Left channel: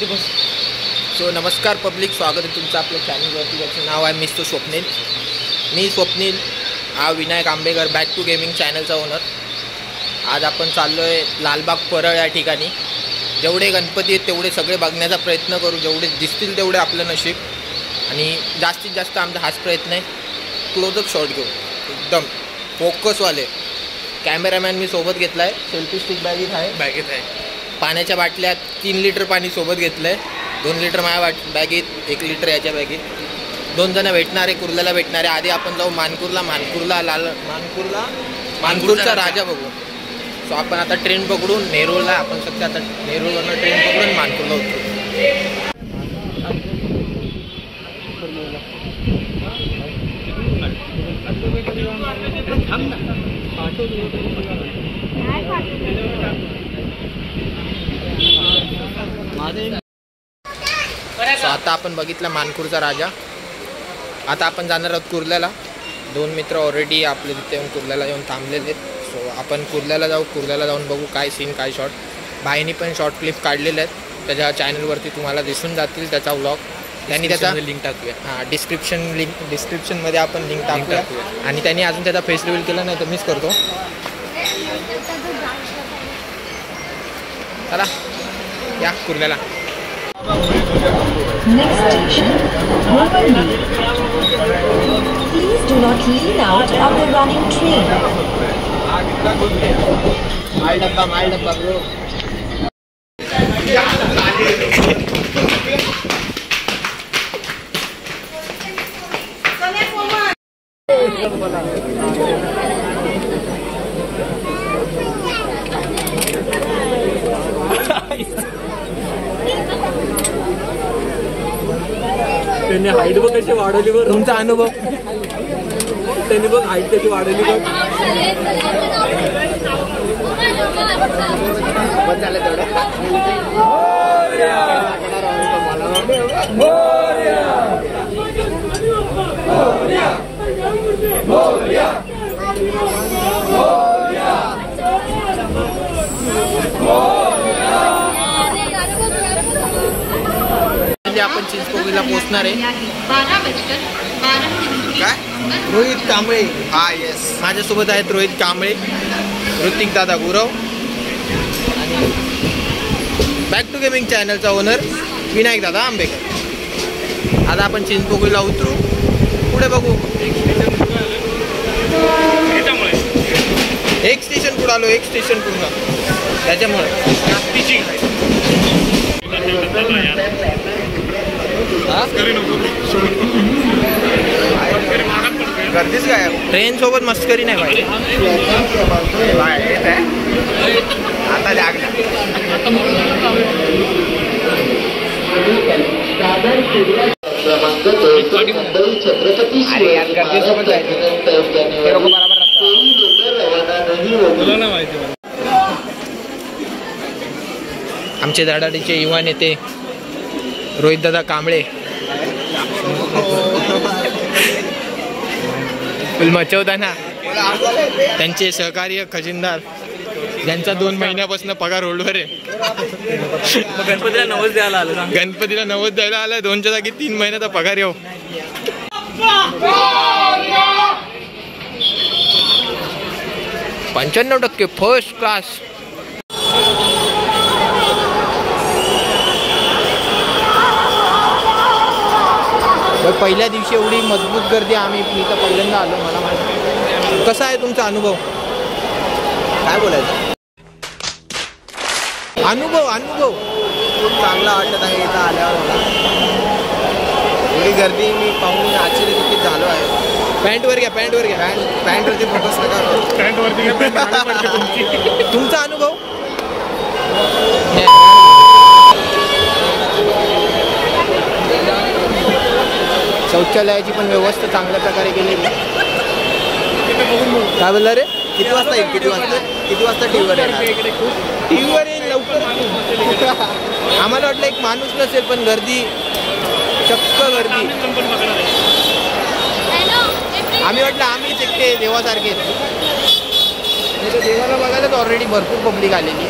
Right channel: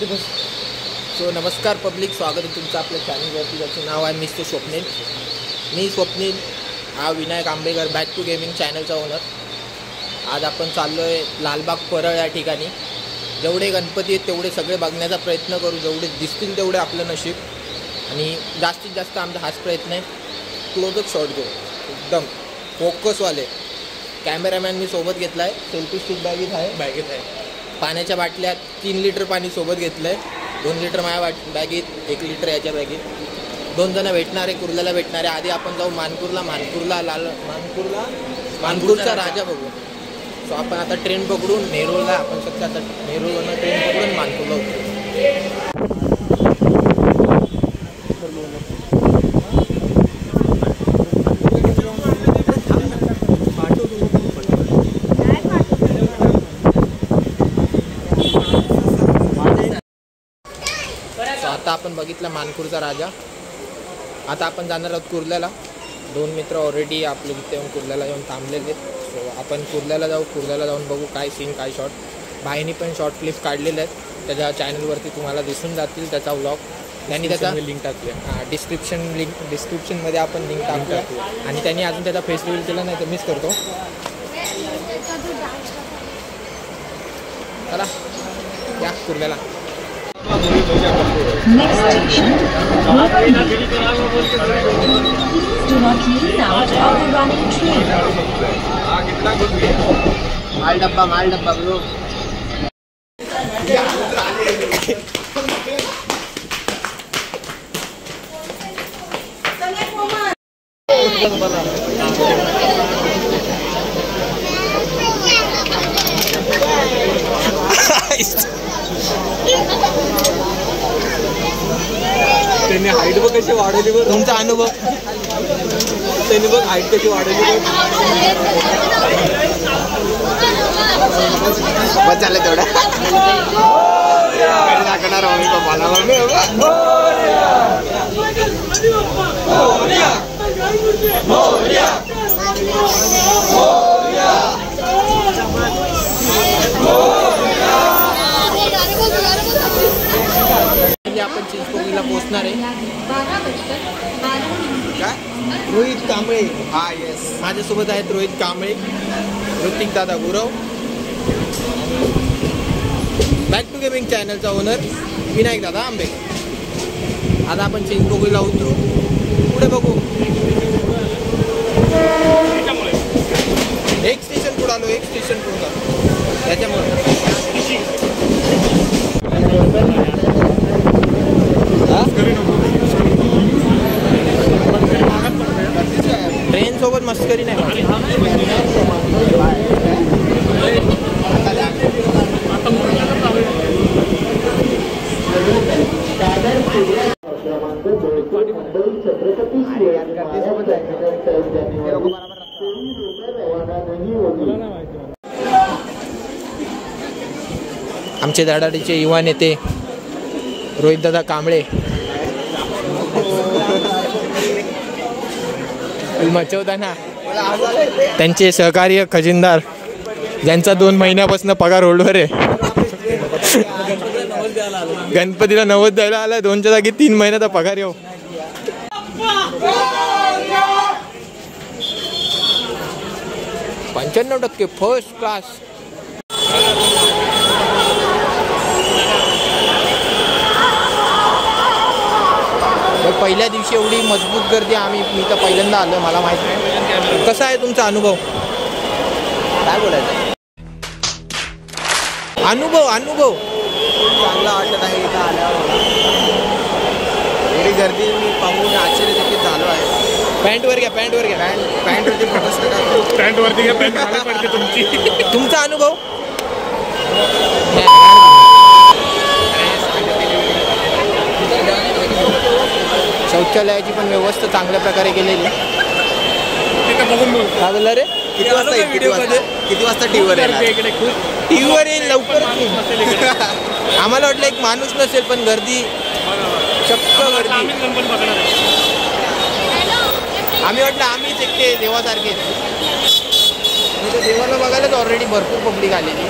So नमस्कार public, स्वागत आहे तुमचं आपल्या चॅनलवरती, ज्याचं नाव आहे मिस्टर स्वप्नील. मी स्वप्नील, हा Vinayak Ambekar back to gaming चॅनलचा ओनर. आज आपण चाललो आहे लालबाग परळ या ठिकाणी. जेवढे गणपती आहेत तेवढे सगळे बघण्याचा प्रयत्न करू, जेवढे दिसतील तेवढे आपलं नशीब. आणि जास्तीत जास्त आमचा हाच प्रयत्न आहे, क्लोजअप शॉट घेऊ, एकदम फोकसवाले. कॅमेरामॅन मी सोबत घेतला आहे, सेल्फी स्टिक बॅगेत आहे. पाण्याच्या बाटल्या 3 लिटर पाणी सोबत घेतलं आहे. 2 लिटर माझ्या बॅगेत, 1 लिटर याच्या बॅगेत. 2 जण भेटणारे, कुर्ल्याला भेटणारे. आधी आपण जाऊ मानपूरचा राजा बघू. सो आपण आता ट्रेन पकडून नेरूळला, आपण सध्या आता नेरूळवरनं ट्रेन पकडून मानपूरला उतरू. आता आपण बघितला मानपूरचा राजा. आता आपण जाणार आहोत कुर्ल्याला. 2 मित्र ऑलरेडी आपले तिथे येऊन कुर्ल्याला येऊन थांबलेले आहेत. सो आपण कुर्ल्याला जाऊ, कुर्ल्याला जाऊन बघू काय सीन, काय शॉट. भाईनी पण शॉर्ट क्लिप काढलेले आहेत, त्याच्या चॅनलवरती तुम्हाला दिसून जातील त्याचा व्लॉग. त्यांनी त्याचा लिंक टाकूया. हां, डिस्क्रिप्शनमध्ये आपण लिंक टाकूया. आणि त्यांनी अजून त्याचा फेस रिव्हील केला नाही तर मिस करतो. चला या कुर्ल्याला. Next station, Waterloo. Please do not lean out of the running train. माल डब्बा ब्रो. त्यांनी हाईट बघ कशी वाढवली बरं. तुमचा अनुभव. त्यांनी बघ हाईट कशी वाढवली बघ. बस झालं तेवढं. आपण चिंचपोकळीला पोहोचणार आहे. काय? रोहित कांबळे. हा येस, माझ्यासोबत आहेत रोहित कांबळे, ऋतिक दादा गुरव आणि बॅक टू गेमिंग चॅनलचा ओनर विनायक दादा आंबेकर. आता आपण चिंचपोकळीला उतरू, पुढे बघू. एक स्टेशन पुढे आलो, एक स्टेशन पूर्ण, त्याच्यामुळे गर्दीच काय. ट्रेन सोबत मस्करी नाही पाहिजे. आता आमचे धडाडीचे युवा नेते रोहित दादा कांबळे मचवताना त्यांचे सहकार्य खजिनदार, ज्यांचा 2 महिन्यापासून पगार होल्डवर आहे. गणपतीला नवस द्यायला आला. 2च्या जागी 3 महिन्याचा पगार येऊ. 95% फर्स्ट क्लास. पहिल्या दिवशी एवढी मजबूत गर्दी मी तर पहिल्यांदा आलो आहे, मला माहिती. कसा आहे तुमचा अनुभव? काय बोलायचं? अनुभव चांगला वाटत आहे इथं आल्यावर. मला एवढी गर्दी मी पाहून आश्चर्यचकित झालो आहे. पॅन्टवर घ्या. पॅन्टवरती फोकस नका. पॅन्टवरती पडते तुमची. तुमचा अनुभव? शौचालयाची पण व्यवस्था चांगल्या प्रकारे केलेली. काय बोलला रे? किती वाजता टीव्हीवर येईल लवकर. आम्हाला वाटलं एक माणूस नसेल, पण गर्दी, चक्क गर्दी. आम्ही वाटलं आम्हीच एकटे देवासारखे. देवाला बघायलाच ऑलरेडी भरपूर पब्लिक आलेली.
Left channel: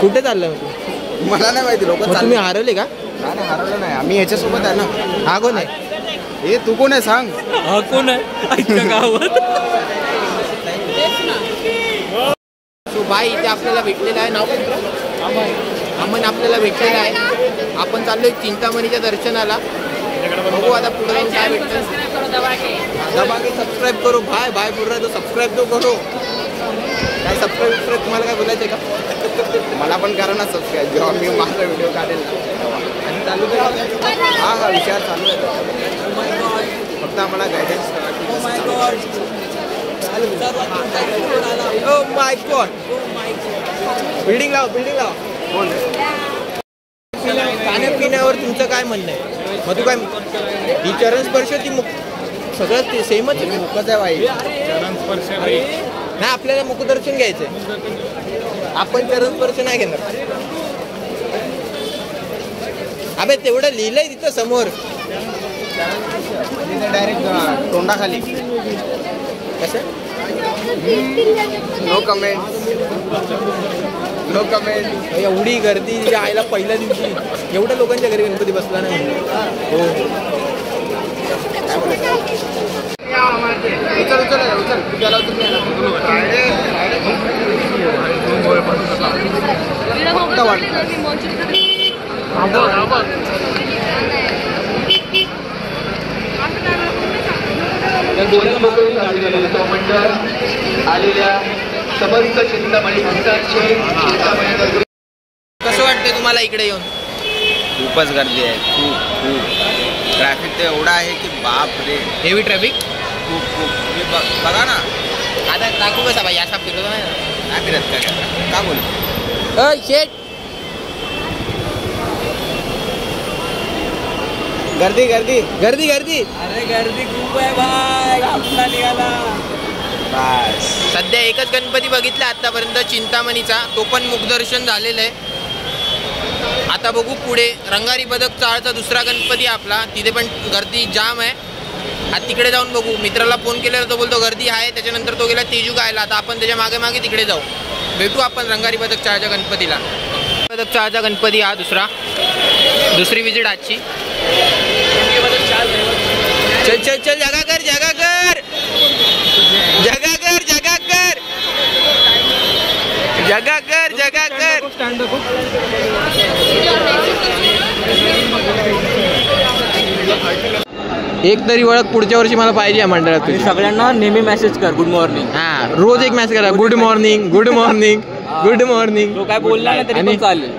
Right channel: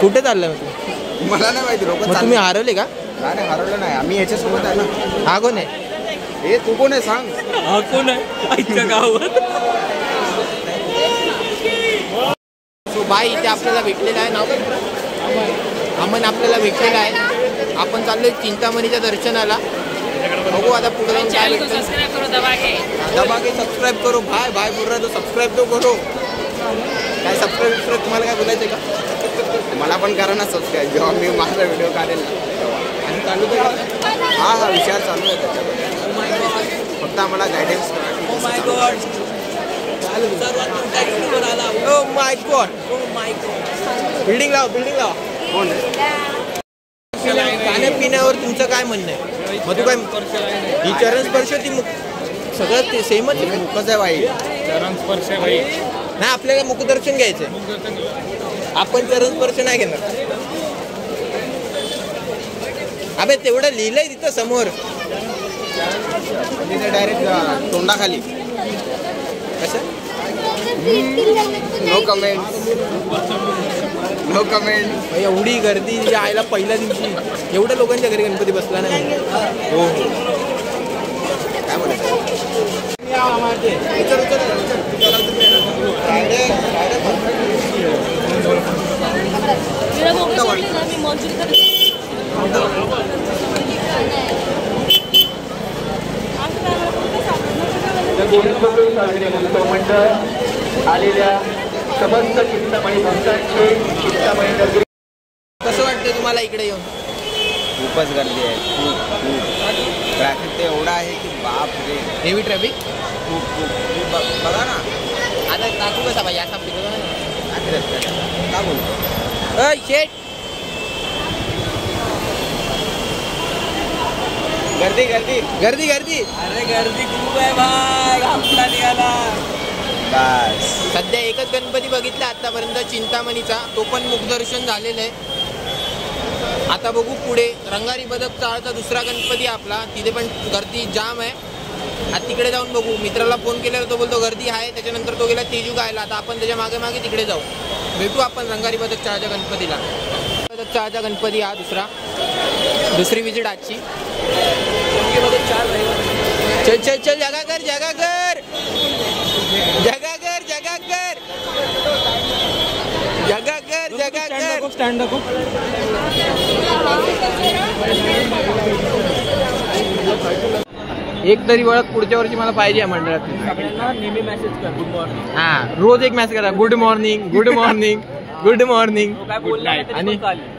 कुठे चाललंय मग तू? मला नाही माहिती लोक मग तुम्ही हरवले का? नाही हरवलं नाही, आम्ही याच्यासोबत आहे ना. हा कोण आहे? हे तू कोण आहे सांग. हा कोण आहे आईच्या गावात? सो बाई इथे आपल्याला भेटलेला आहे. नाव काय तुला? अमन आपल्याला भेटलेला आहे. आपण चाललोय चिंतामणीच्या दर्शनाला. बघू आता पुढे जाऊन काय भेटतं. दबा के सबस्क्राईब करो. भाई भाई बोल रहा तो सबस्क्राईब तो करो. काय सबस्क्राईब तुम्हाला काय बोलायचं आहे का? मला पण करा ना सबस्क्राईब, जेव्हा मी माझा व्हिडिओ काढेल ना तेव्हा. आणि चालू काय करा. हा विचार चालू आहे त्याच्याबद्दल. फक्त आम्हाला गायडन्स करा. Oh my God. बिल्डिंग लावा. कोण खाण्यापिण्यावर तुमचं काय म्हणणं आहे? मग तू काय ही चरण स्पर्श ती सगळं ते सेमच आहे. कसं आहे बाई? नाही आपल्याला मुखदर्शन घ्यायचंय. आपण चरण स्पर्श नाही घेणार. अबे तेवढं लिहिलंय तिथं समोर. डायरेक्ट तोंडाखाली. कसं? No comment. एवढी गर्दी आयला पहिल्या दिवशी एवढ्या लोकांच्या घरी गणपती बसला नाही म्हणजे. हो आलेल्या समस्त चिंतामणी भक्तांचे कसं वाटतंय तुम्हाला इकडे येऊन? खूपच गर्दी आहे. खूप ट्रॅफिक तर एवढा आहे की बाप रे. हेवी ट्रॅफिक खूप बघा ना. आता टाकू कसा बाई असा फिरतो नाही ना. काय फिरत का बोलू. शेट गर्दी अरे गर्दी खूप आहे भाई. हप्ता निघाला. सध्या एकच गणपती बघितला आतापर्यंत चिंतामणीचा, तो पण मुखदर्शन झालेलं आहे. आता बघू पुढे रंगारी बदक चाळचा दुसरा गणपती आपला, तिथे पण गर्दी जाम आहे. आता तिकडे जाऊन बघू. मित्राला फोन केलेला, तो बोलतो गर्दी आहे. त्याच्यानंतर तो गेला तेजू गायला. आता आपण त्याच्या मागे तिकडे जाऊ. भेटू आपण रंगारी बदक चाळच्या गणपतीला. बदक चाळचा गणपती हा दुसरी विजिट आजची. चल जगा कर. एक तरी ओळख पुढच्या वर्षी मला पाहिजे मंडळात. सगळ्यांना नेहमी मेसेज कर गुड मॉर्निंग. हा रोज एक मेसेज करा. Good morning. काय बोलला आणि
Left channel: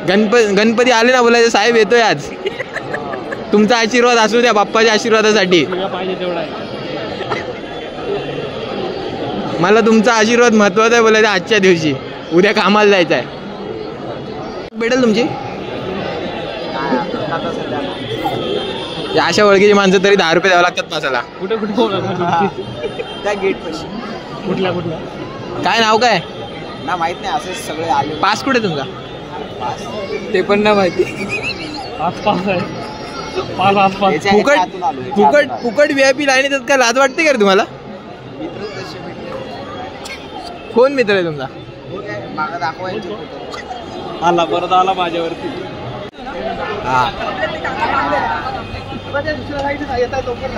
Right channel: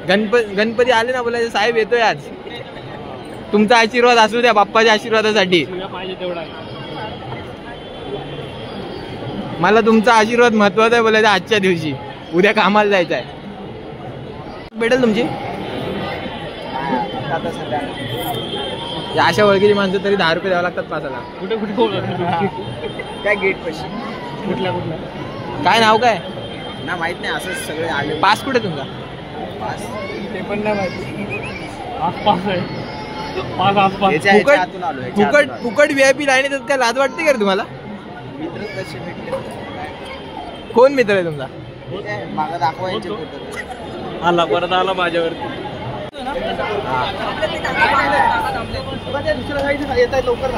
गणपती आले ना बोलायचं साहेब येतोय आज. तुमचा आशीर्वाद असू द्या बाप्पाच्या आशीर्वादासाठी. मला तुमचा आशीर्वाद महत्वाचा आहे बोलायचं आजच्या दिवशी. उद्या कामाला जायचं आहे. भेटेल तुमची अशा ओळखीची माणसं तरी 10 रुपये द्यावं लागतात पासाला. कुठे त्या गेट पाशी. कुठला काय नाव काय ना माहित नाही. असंच सगळे आले. पास कुठे तुमचा? पास ते पण नाही माहिती. आसपास आहे. फुकट VIP लाईन येतात का? लाज वाटते का रे तुम्हाला? मित्र तसे भेटले. कोण मित्र आहे तुमचा? मागं दाखवायचे. परत आला माझ्यावरती. दुसऱ्या साईडला येत आहे लवकर.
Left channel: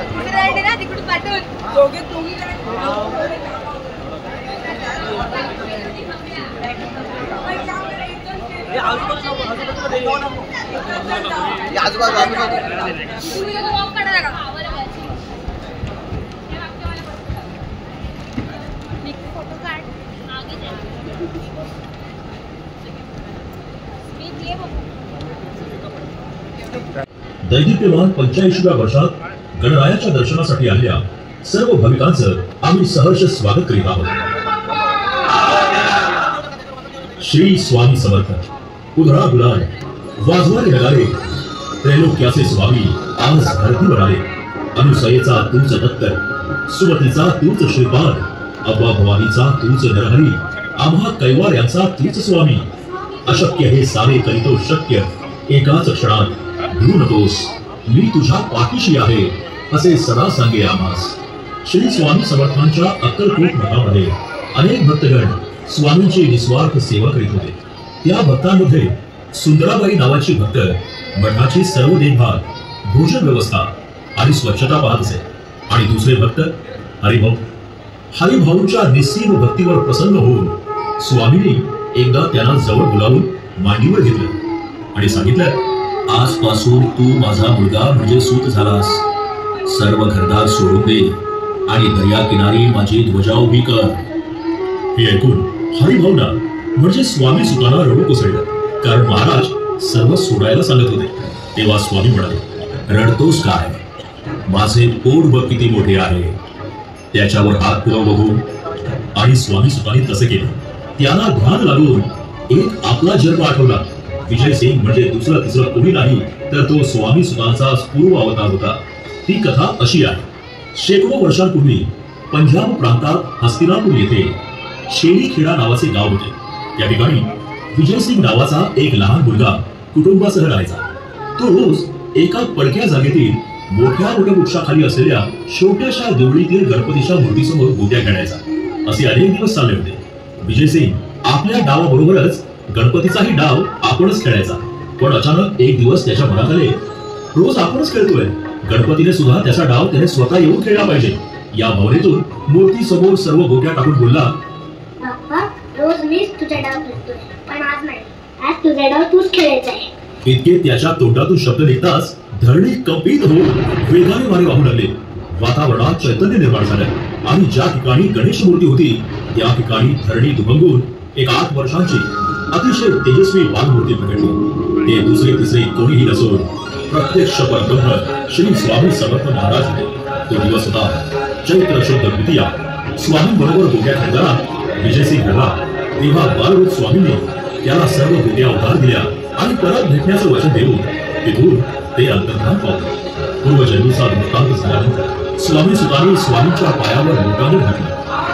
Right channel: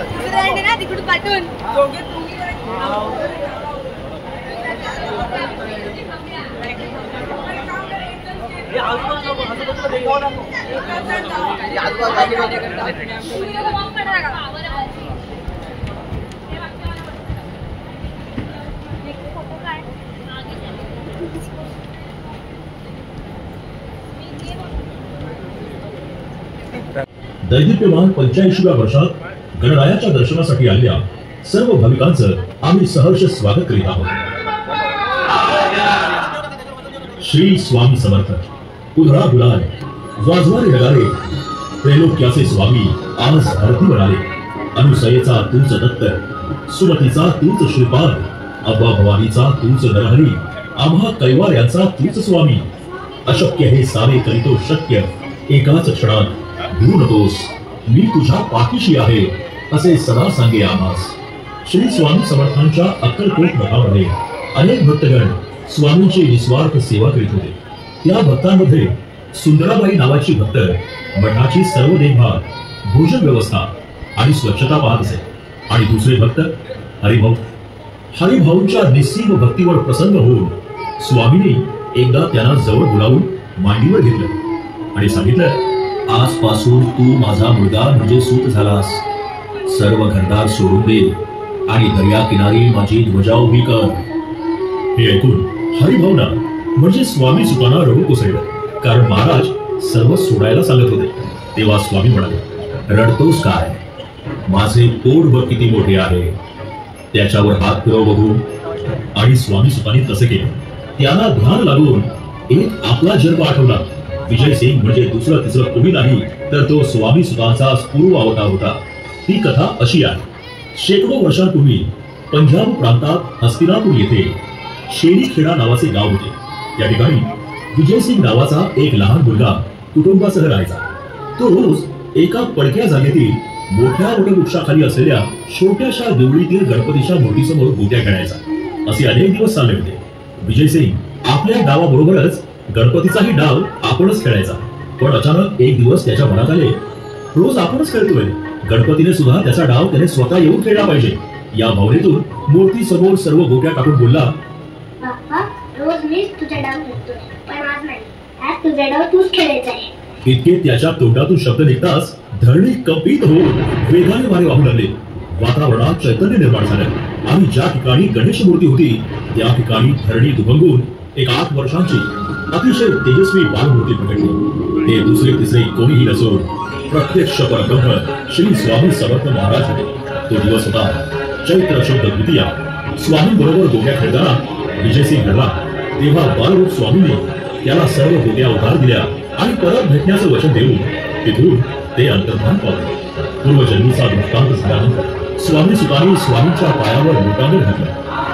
दैदिप्यमान 85व्या वर्षात गणरायाच्या दर्शनासाठी आलेल्या सर्व भाविकांचं आम्ही सहर्ष स्वागत करीत आहोत. श्री स्वामी समर्थ. उधळा दुलाय वाजवारे नगारे. त्रैलोक्याचे स्वामी आज धरतीवर आले. अनुसयेचा तूच दत्त, सुमतीचा तूच श्रीपाद, अब्बा भवानीचा तूच नरहरी, आम्हा कैवाऱ्यांचा तूच स्वामी. अशक्य हे सारे करीतो शक्य. एकाच क्षणात भिवू नकोस, मी तुझ्या पाठीशी आहे असे सदा सांगे आम्हास. श्री स्वामी समर्थांच्या अक्कलकोट मठामध्ये अनेक भक्तगण स्वामींची निस्वार्थ सेवा करीत होते. त्या भक्तांमध्ये सुंदराबाई नावाची भक्त मठाची सर्व देखभाल, भोजन व्यवस्था आणि स्वच्छता पाहत असे. आणि दुसरे भक्त हरिभाऊ. हरिभाऊंच्या निस्सीम भक्तीवर प्रसन्न होऊन स्वामींनी एकदा त्यांना जवळ बोलावून मांडीवर घेतलं आणि सांगितलं, आजपासून तू माझा मुलगा म्हणजे सूत झालास. सर्व घरदार सोडून दे आणि दर्या किनारी माझी ध्वजा उभी कर. हे ऐकून हरिभाऊंना म्हणजे स्वामी सुतांना रडू कोसळलं, कारण महाराज सर्व सोडायला सांगत होते. तेव्हा स्वामी म्हणाले, रडतोस काय? माझे पोट बघ किती मोठे आहे. त्याच्यावर हात फिरव बघू. आणि स्वामी सुतांनी तसे केले. त्यांना ध्यान लागून एक आपला जन्म आठवला. विजय सिंग म्हणजे दुसरं तिसरं कोणी नाही तर तो स्वामी सुतांचा पूर्व अवतार होता. ती कथा अशी आहे. शेकडो वर्षांपूर्वी पंजाब प्रांतात हस्तिनापूर येथे शेरीखेडा नावाचे गाव होते. या ठिकाणी विजय सिंग नावाचा एक लहान मुलगा कुटुंबासह राहायचा. तो रोज एका पडक्या जागेतील मोठ्या वृक्षाखाली असलेल्या छोट्याशा देवळीतील गणपतीच्या मूर्तीसमोर गोट्या खेळायचा. असे अनेक दिवस चालले होते. विजय सिंग आपल्या डावाबरोबरच गणपतीचाही डाव आपणच खेळायचा. पण अचानक एक दिवस त्याच्या मनात आले, रोज आपणच खेळतोय, गणपतीने सुद्धा त्याचा डाव त्याने स्वतः येऊन खेळला पाहिजे. या भावनेतून मूर्ती समोर सर्व गोट्या टाकून बोलला, बाप्पा, रोज मीच तुझा डाव खेळतोय, पण आज नाही. आज तुझा डाव तूच खेळायचा आहे. इतके त्याच्या तोंडातून शब्द निघताच धरणी कंपित होऊन वेगाने वारे वाहू लागले. वातावरणात चैतन्य निर्माण झालं आणि ज्या ठिकाणी गणेश मूर्ती होती त्या ठिकाणी धरणी दुभंगून एक 8 वर्षांची अतिशय तेजस्वी बालमूर्ती प्रकटली. ते दुसरे तिसरे कोणीही नसून प्रत्यक्ष परब्रह्म श्री स्वामी समर्थ महाराज होते. तो दिवस होता चैत्र शुद्ध द्वितीया. स्वामी बरोबर गोट्या खेळताना विजयसिंग घडला. तेव्हा बालरूप स्वामींनी त्याला सर्व गोट्या उधार दिल्या आणि परत भेटण्याचं वचन देऊन तिथून ते अंतर्धान पावले. पूर्वजन्मीचा वृत्तांत झाल्यानंतर स्वामी सुतांनी स्वामींच्या पायावर लोटांगण घातलं.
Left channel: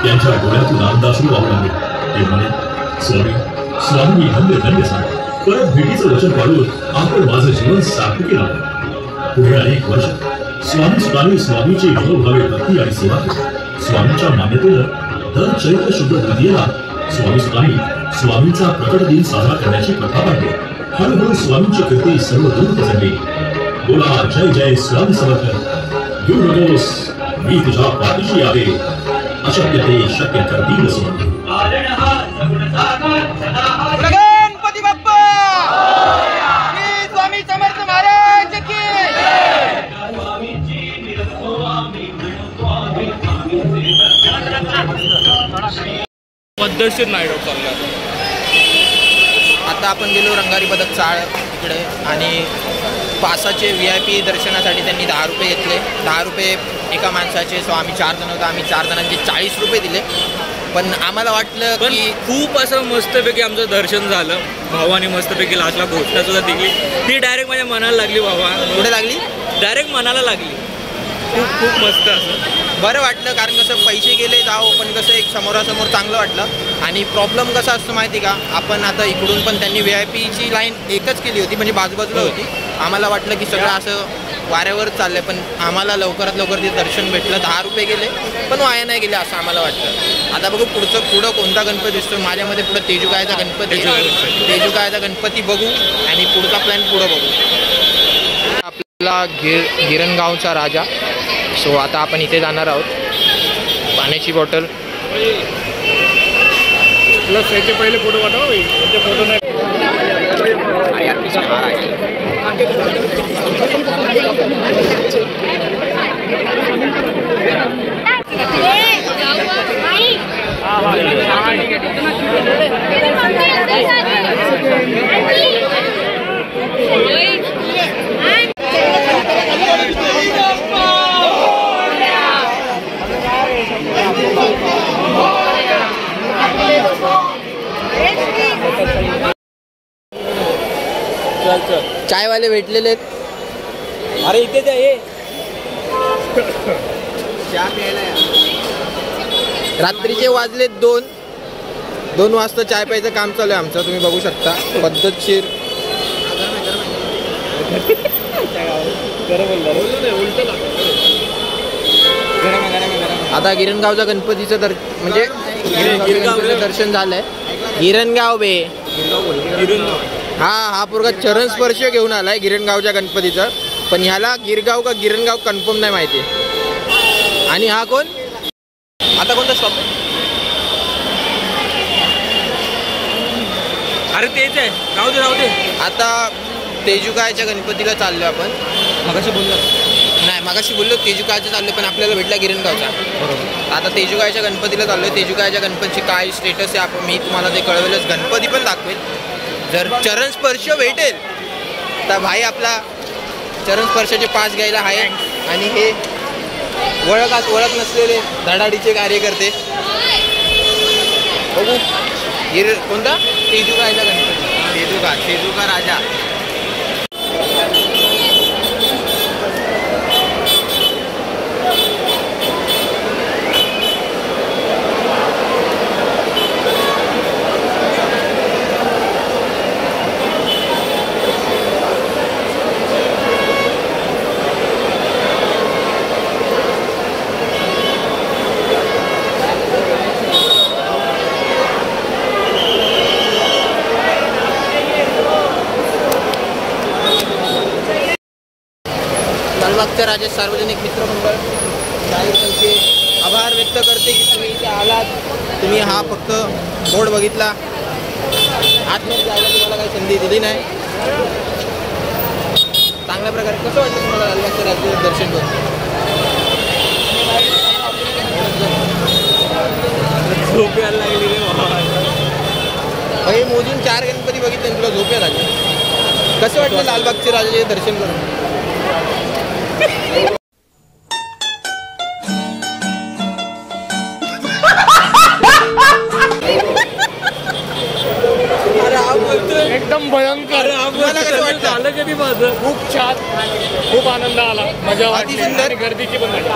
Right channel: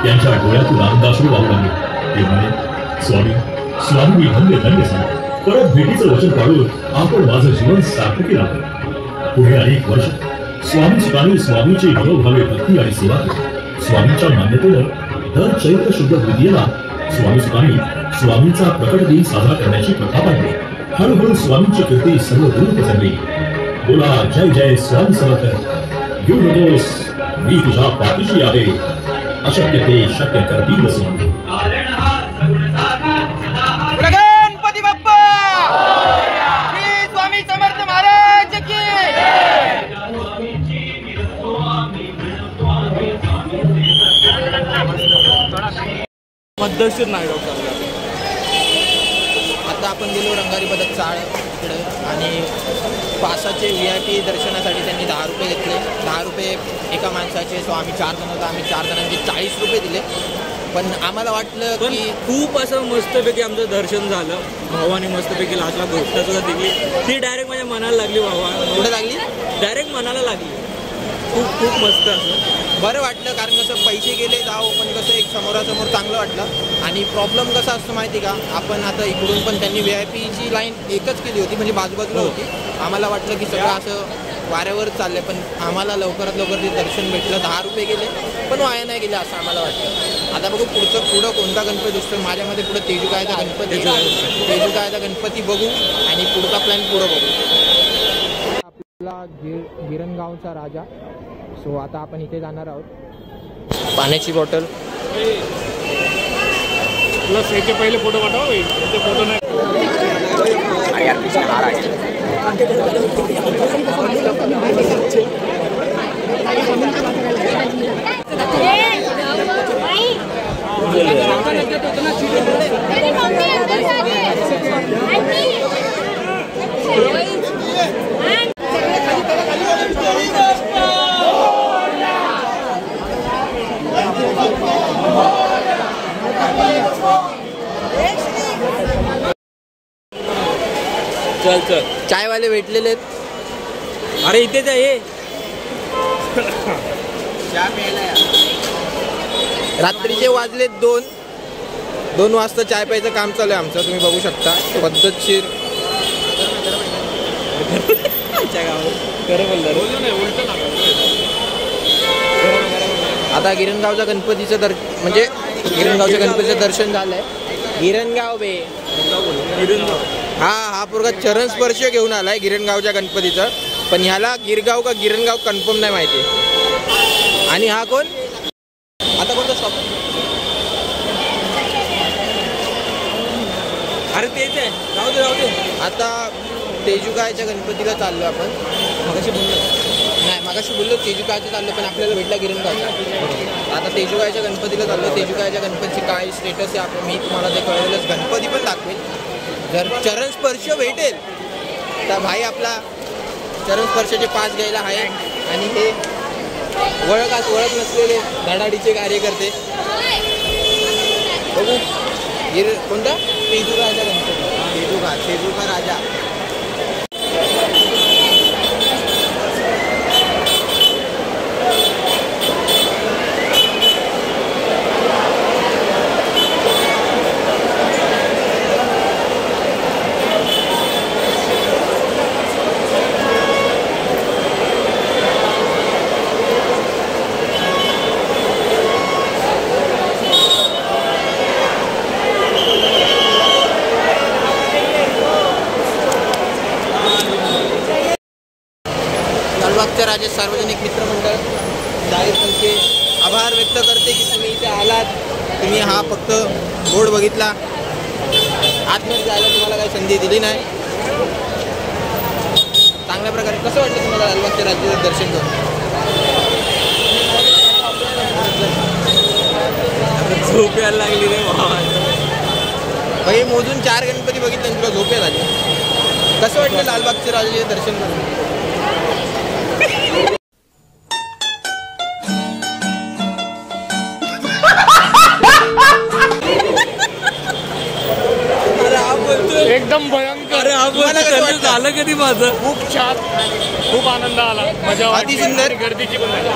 त्यांच्या डोळ्यातून आनंदाश्रू वाहू लागले. ते म्हणाले, स्वामी मी धन्य धन्य झालो. परत भेटीचं वचन पाळून आपण माझं जीवन सार्थकी लागलं. पुढे अनेक वर्ष स्वामी सुतांनी स्वामीची मनोभावे भक्ती आणि सेवा केली. स्वामींच्या मान्यतेनं दर चैत्र शुद्ध द्वितीयेला स्वामी सुतांनी स्वामींचा प्रकट दिन साजरा करण्याची प्रथा पाडली. हळूहळू स्वामींची कीर्ती सर्व दूर पसरली. बोला जय जय स्वामी समर्थ. घेऊ नकोस, मी तुझ्या पाठीशी आहे. अशक्य ते शक्य करतील स्वामी. गणपती बाप्पा, श्री स्वामी समर्थ महाराज की. पद्धतशीर नाईट आउट चालला. आता आपण गेलो रंगारी पदक चाळ इकडे आणि पासाचे VIP दर्शनासाठी त्यांनी 10 रुपये घेतले. 10 रुपये एका माणसाचे. सो आम्ही 4 जण होतो. आम्ही 4 जणांचे 40 रुपये दिले. पण आम्हाला वाटलं पण की खूप असं मस्तपैकी आमचं दर्शन झालं. भावाने मस्तपैकी लास्टला घोषणा सुद्धा दिली. ती डायरेक्ट माझ्या मनाला लागली. भावा पुढे लागली, डायरेक्ट मनाला लागली. खूप खूप मस्त असं बरं वाटलं. कारण कसं पैसे गेले जाओ, पण कसं एक समोरासमोर चांगलं वाटलं. आणि प्रॉब्लेम कसा असतो माहिती का, आपण आता इकडून पण त्यांनी VIP ची लाईन एकच केली होती, म्हणजे बाजूबाजूला होती. आम्हाला वाटलं की सगळं असं वाऱ्यावर चाललंय, पण आम्हाला लवकरात लवकर ते दर्शन भेटलं. 10 रुपये गेले पण वाया नाही गेले असं आम्हाला वाटतं. आता बघू पुढं कोणता गणपती दिसतो. माझ्यामध्ये पुढं तेजुकायचा गणपती, तेजुकायचा गणपती बघू आणि पुढचा प्लॅन पुढं बघू. आपला गिरणगावचा राजा. सो आता आपण इथे जाणार आहोत. पाण्याची बॉटल. प्लस याचे पहिले फोटो पाठवा. याचे फोटो नाही. चायवाले भेटलेले आहेत. अरे इथेच आहे. चहा प्यायला या. रात्रीचे वाजले 2 वाजता चाय प्यायचं काम चालू आहे आमचं. तुम्ही बघू शकता पद्धतशीर. आता गिरणगावचा गणपतीचं गिरणगावच्या गणपतीचं दर्शन झालंय. गिरणगाव बे हा पोरगा चरण स्पर्श घेऊन आलाय गिरणगावच्या गणपतीचं, पण ह्याला गिरगाव का गिरणगाव कन्फर्म नाही माहिती. आणि हा कोण आता कोणता स्टॉप आहे? अरे तेच आहे, राहू दे. आता तेजुकायच्या गणपतीला चाललो आपण. मगाशी बोललो तेजुकायचं चाललो, पण आपल्याला भेटला गिरणगावचा. आता तेजुकायच्या गणपतीला चाललोय. तेजुकायच्या गणपतीची काय स्टेटस आहे आपण मी तुम्हाला ते कळवेलच. गणपती पण दाखवेल. जर चरण स्पर्श भेटेल तर भाई आपला चरण स्पर्शाचे 5 घ्यायला आहे. आणि हे ओळख नसलेले धडाडीचे कार्यकर्ते बघू. कोणता तेजुकायचा गणपती, तेजुका राजा. लालबागच्या राजा सार्वजनिक मित्रमंडळ त्यांचे आभार व्यक्त करते की तुम्ही इथे आलात. तुम्ही हा फक्त बोर्ड बघितला, आतमध्ये जायला तुम्हाला काही संधी दिली नाही. चांगल्या प्रकारे कसं वाटतं तुम्हाला लालबागच्या राजाचं दर्शन करून? झोप यायला लागली रे भाई. मोजून 4 गणपती बघितले आणि तुला झोप यायला लागली. कसं वाटलं लालबागच्या राजाचे दर्शन करून? एकदम भयंकर. झालं कधी माझं खूप छान, खूप आनंद आला, मजा वाटली आणि गर्दीची पण मजा.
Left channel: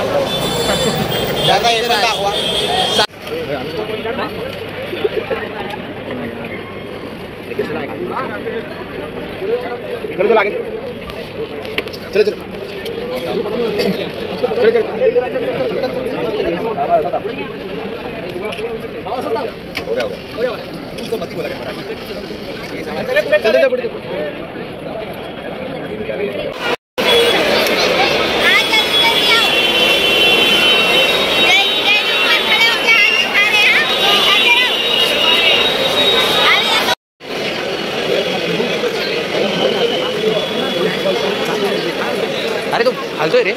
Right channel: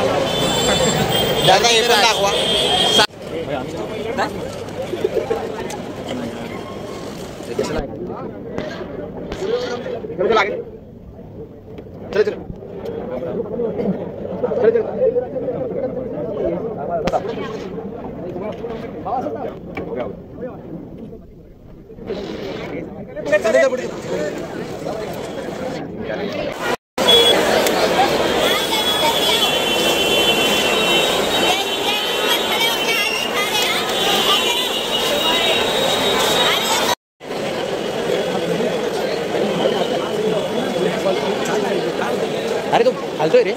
अरे तू हालतोय रे.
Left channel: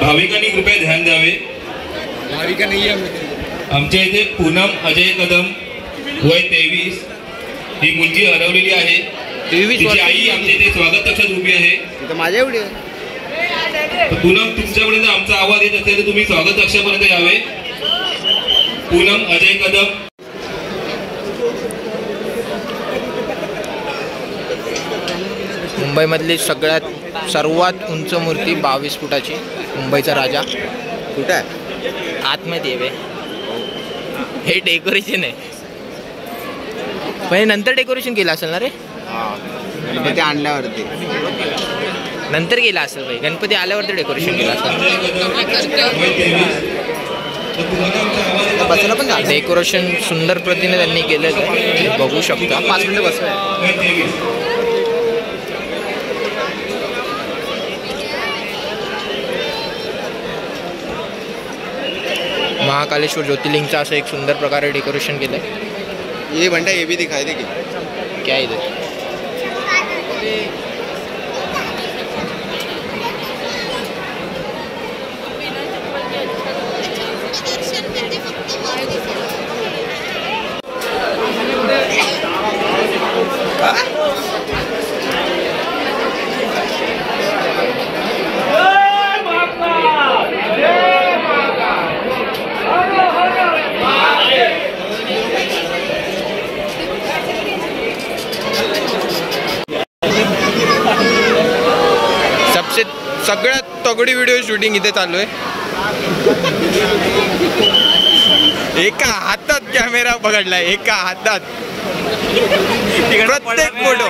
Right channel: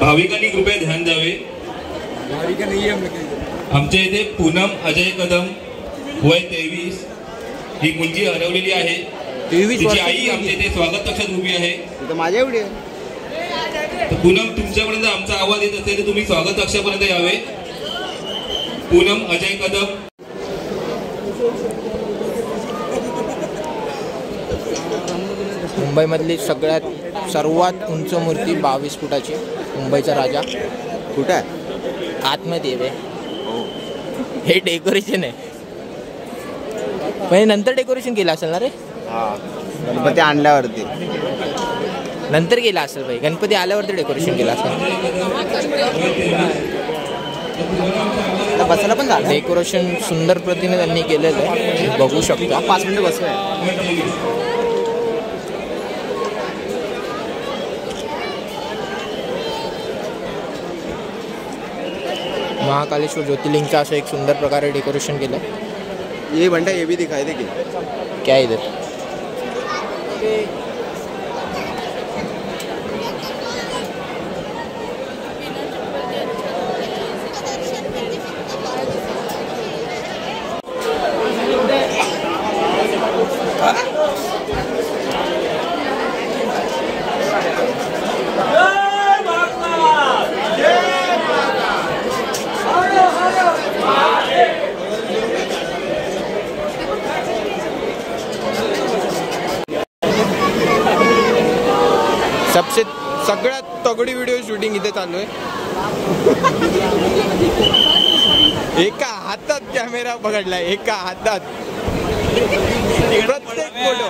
भाविकांनी कृपया ध्यान द्यावे. आमच्या इथे पूनम अजय कदम वय 23 ही मुलगी हरवलेली आहे. तिची आई आमच्या इथे स्वागत कक्षात उभी आहे. माझ्या एवढी पूनम, तुमच्यापर्यंत आमचा आवाज येत असेल तर तुम्ही स्वागत कक्षापर्यंत यावे. पूनम अजय कदम. मुंबईमधली सर्वात उंच मूर्ती 22 फुटाची. मुंबईचा राजा कुठे आहे? आतमध्ये आहे. हे डेकोरेशन आहे, पण नंतर डेकोरेशन केलं असेल ना रे. गणपती आणल्यावरती नंतर गेला असेल भाई. गणपती आल्यावरती डेकोरेशन केलं असेल. बसायला पण झालं. डेकोरेशन सुंदर प्रतीने त्यांनी केलेलं आहे, बघू शकता. 5 मिनिटं बसलाय. महाकालेश्वर ज्योतिर्लिंगचं असं एक सुंदर प्रकारे डेकोरेशन केलं आहे. ये बंटा ये भी दिखाई दे की क्या इधर सगळ्यात तगडी व्हिडिओ शूटिंग इथे चालू आहे. एका हातात कॅमेरा पकडलाय, एका हातात. प्रत्येक फोटो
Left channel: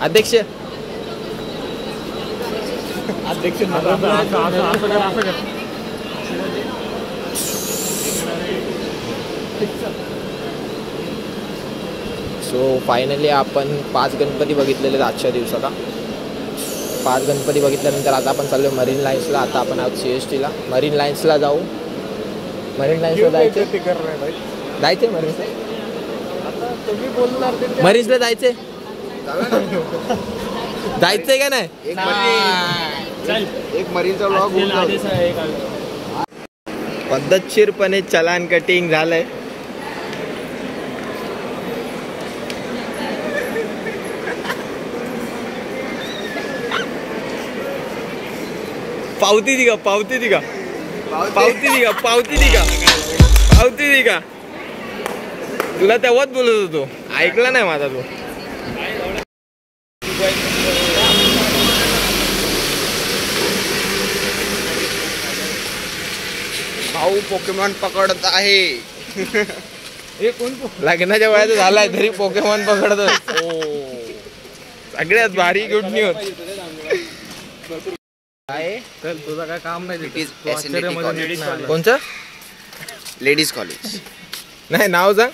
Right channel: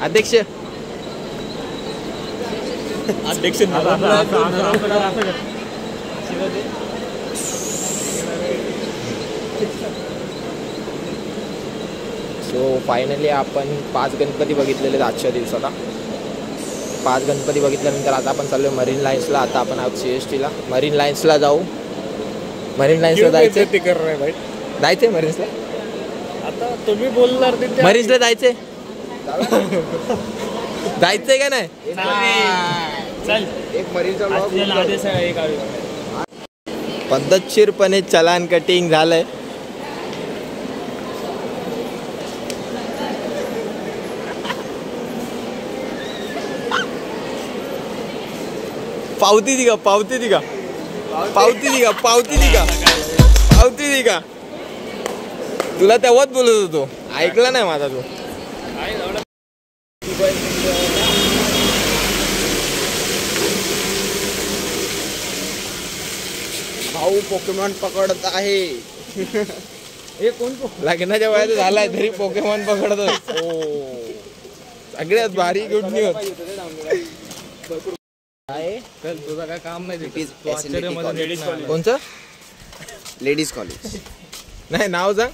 अध्यक्ष सो फायनली आपण 5 गणपती बघितलेले आजच्या दिवसाला. 5 गणपती बघितल्यानंतर आता आपण चाललोय मरीन लाईन्सला. आता आपण आहोत CST ला. मरीन लाईन्सला जाऊ. मरीन लाईन्सला जायचं जायचंय मरीन्सला. तुम्ही बोलणार मरीन्सला जायचंय जायचंय का नाही. एक मरीनचा पद्धतशीरपणे चलान कटिंग झालंय. पावती दी का पावती दी का पावती दी का पावती दी का पावती दी का. तुला तेव्हाच बोलत होतो, ऐकला नाही माझा तू. भाऊ पोकेमॉन पकडत आहे. लग्नाच्या वयात झालाय तरी पोकेमॉन पकडतोय. सगळ्यात भारी गुड न्यूज. तुझं काय काम नाही. It is SNDT college. कोणचं लेडीज कॉलेज नाही नाव सांग.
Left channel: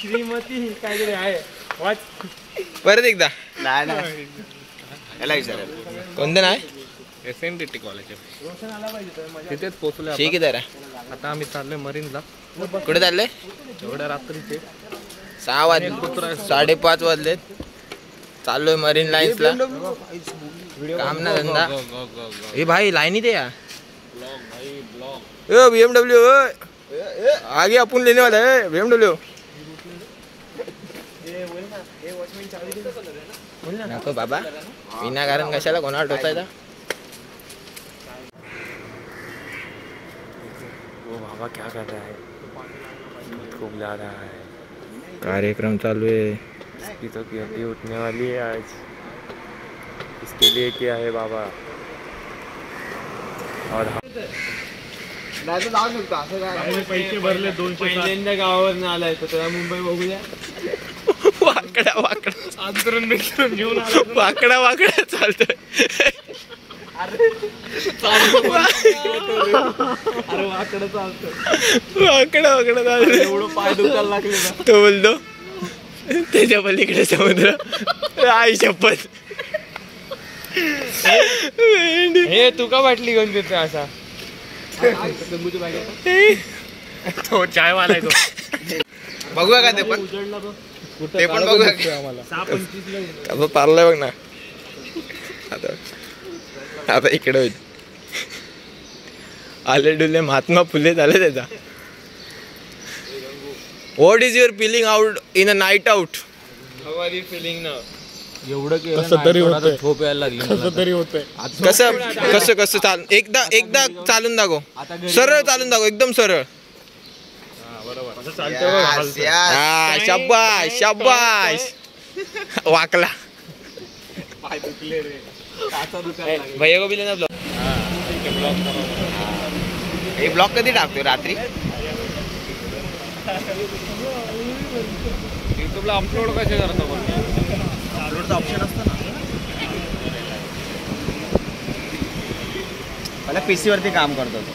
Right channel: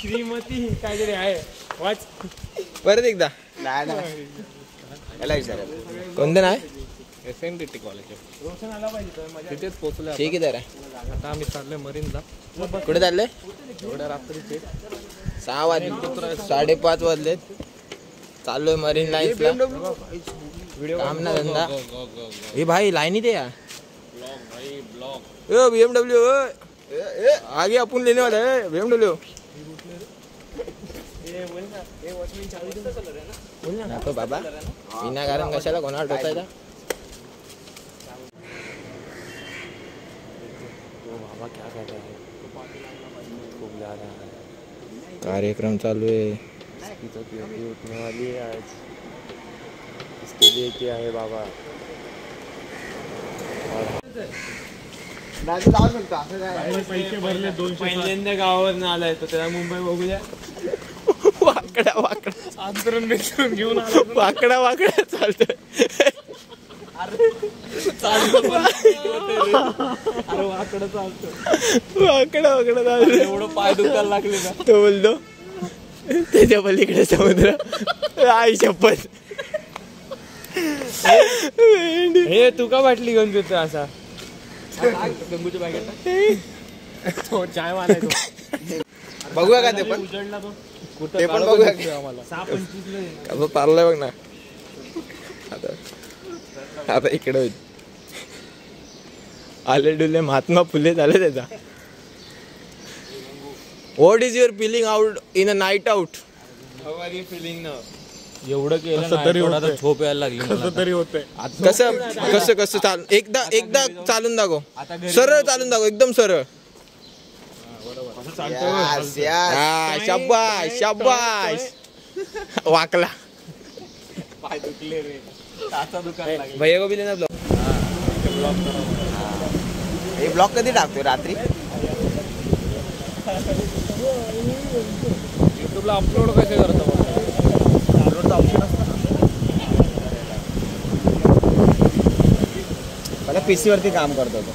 श्रीमती काहीतरी आहे वाच. परत एकदा नाही याला विचारायला. कोणतं नाही. SNDT कॉलेज तिथेच पोहोचलो. ठीक आहे जरा. आता आम्ही चाललोय मरीनला. कुठे चाललंय. एवढ्या रात्रीचे 6 वाजले 5:30 वाजलेत. चाललोय मरीन लाईन्सला. काम ना धंदा. ए भाई लाईनी दे यार. BMW आगे आपण लेने वाला है BMW. नको बाबा विनाकारण कशाला कोणाला टोचायचा. बाबा क्या कर रहा है. खूप ज्यादा है. कार्यक्रम चालू है. इसकी तो हड्डी उठने वाली है आज. इसके लिए क्या है बाबा. और पैसे भरले 200. पहिल्यांदा गावावर आलाय तर त्याला मुंबई बघूया. वाकडा वाकडा अंतरण घेऊन वाकडा वाकडा चालतोय. अरे वाकडं चालतं. वाकडा वाकडा चालतोय. एवढं पाय दुखायला लागले ना. तो बोलतो त्याच्या पलीकडे समुद्र. आई शपथ. हे तू का बाटली घेऊन घेतो असा. तो चाय वाला आहे तो. बघूया का ते पण. उजळला बघ. ते पण बघूया आम्हाला 6:25 पारलाय बघ ना. आता इकडे होईल. आले डुले महात्मा फुले झाले त्याचा. What is your feeling out in a night out? एवढं केलं झोप यायला लागली. कसं कसं कसं चाल एकदा चालून दाखव. सरळ चालून दाखव, एकदम सरळ. शाबाश शाबाश. वाकला भैया को भी लेना ब्लॉग. हे ब्लॉग कधी टाकतो? रात्री युट्यूबला अपलोड कसे करतो? अपलोडचं ऑप्शन असतं ना. मला PC वरती काम करतो तो.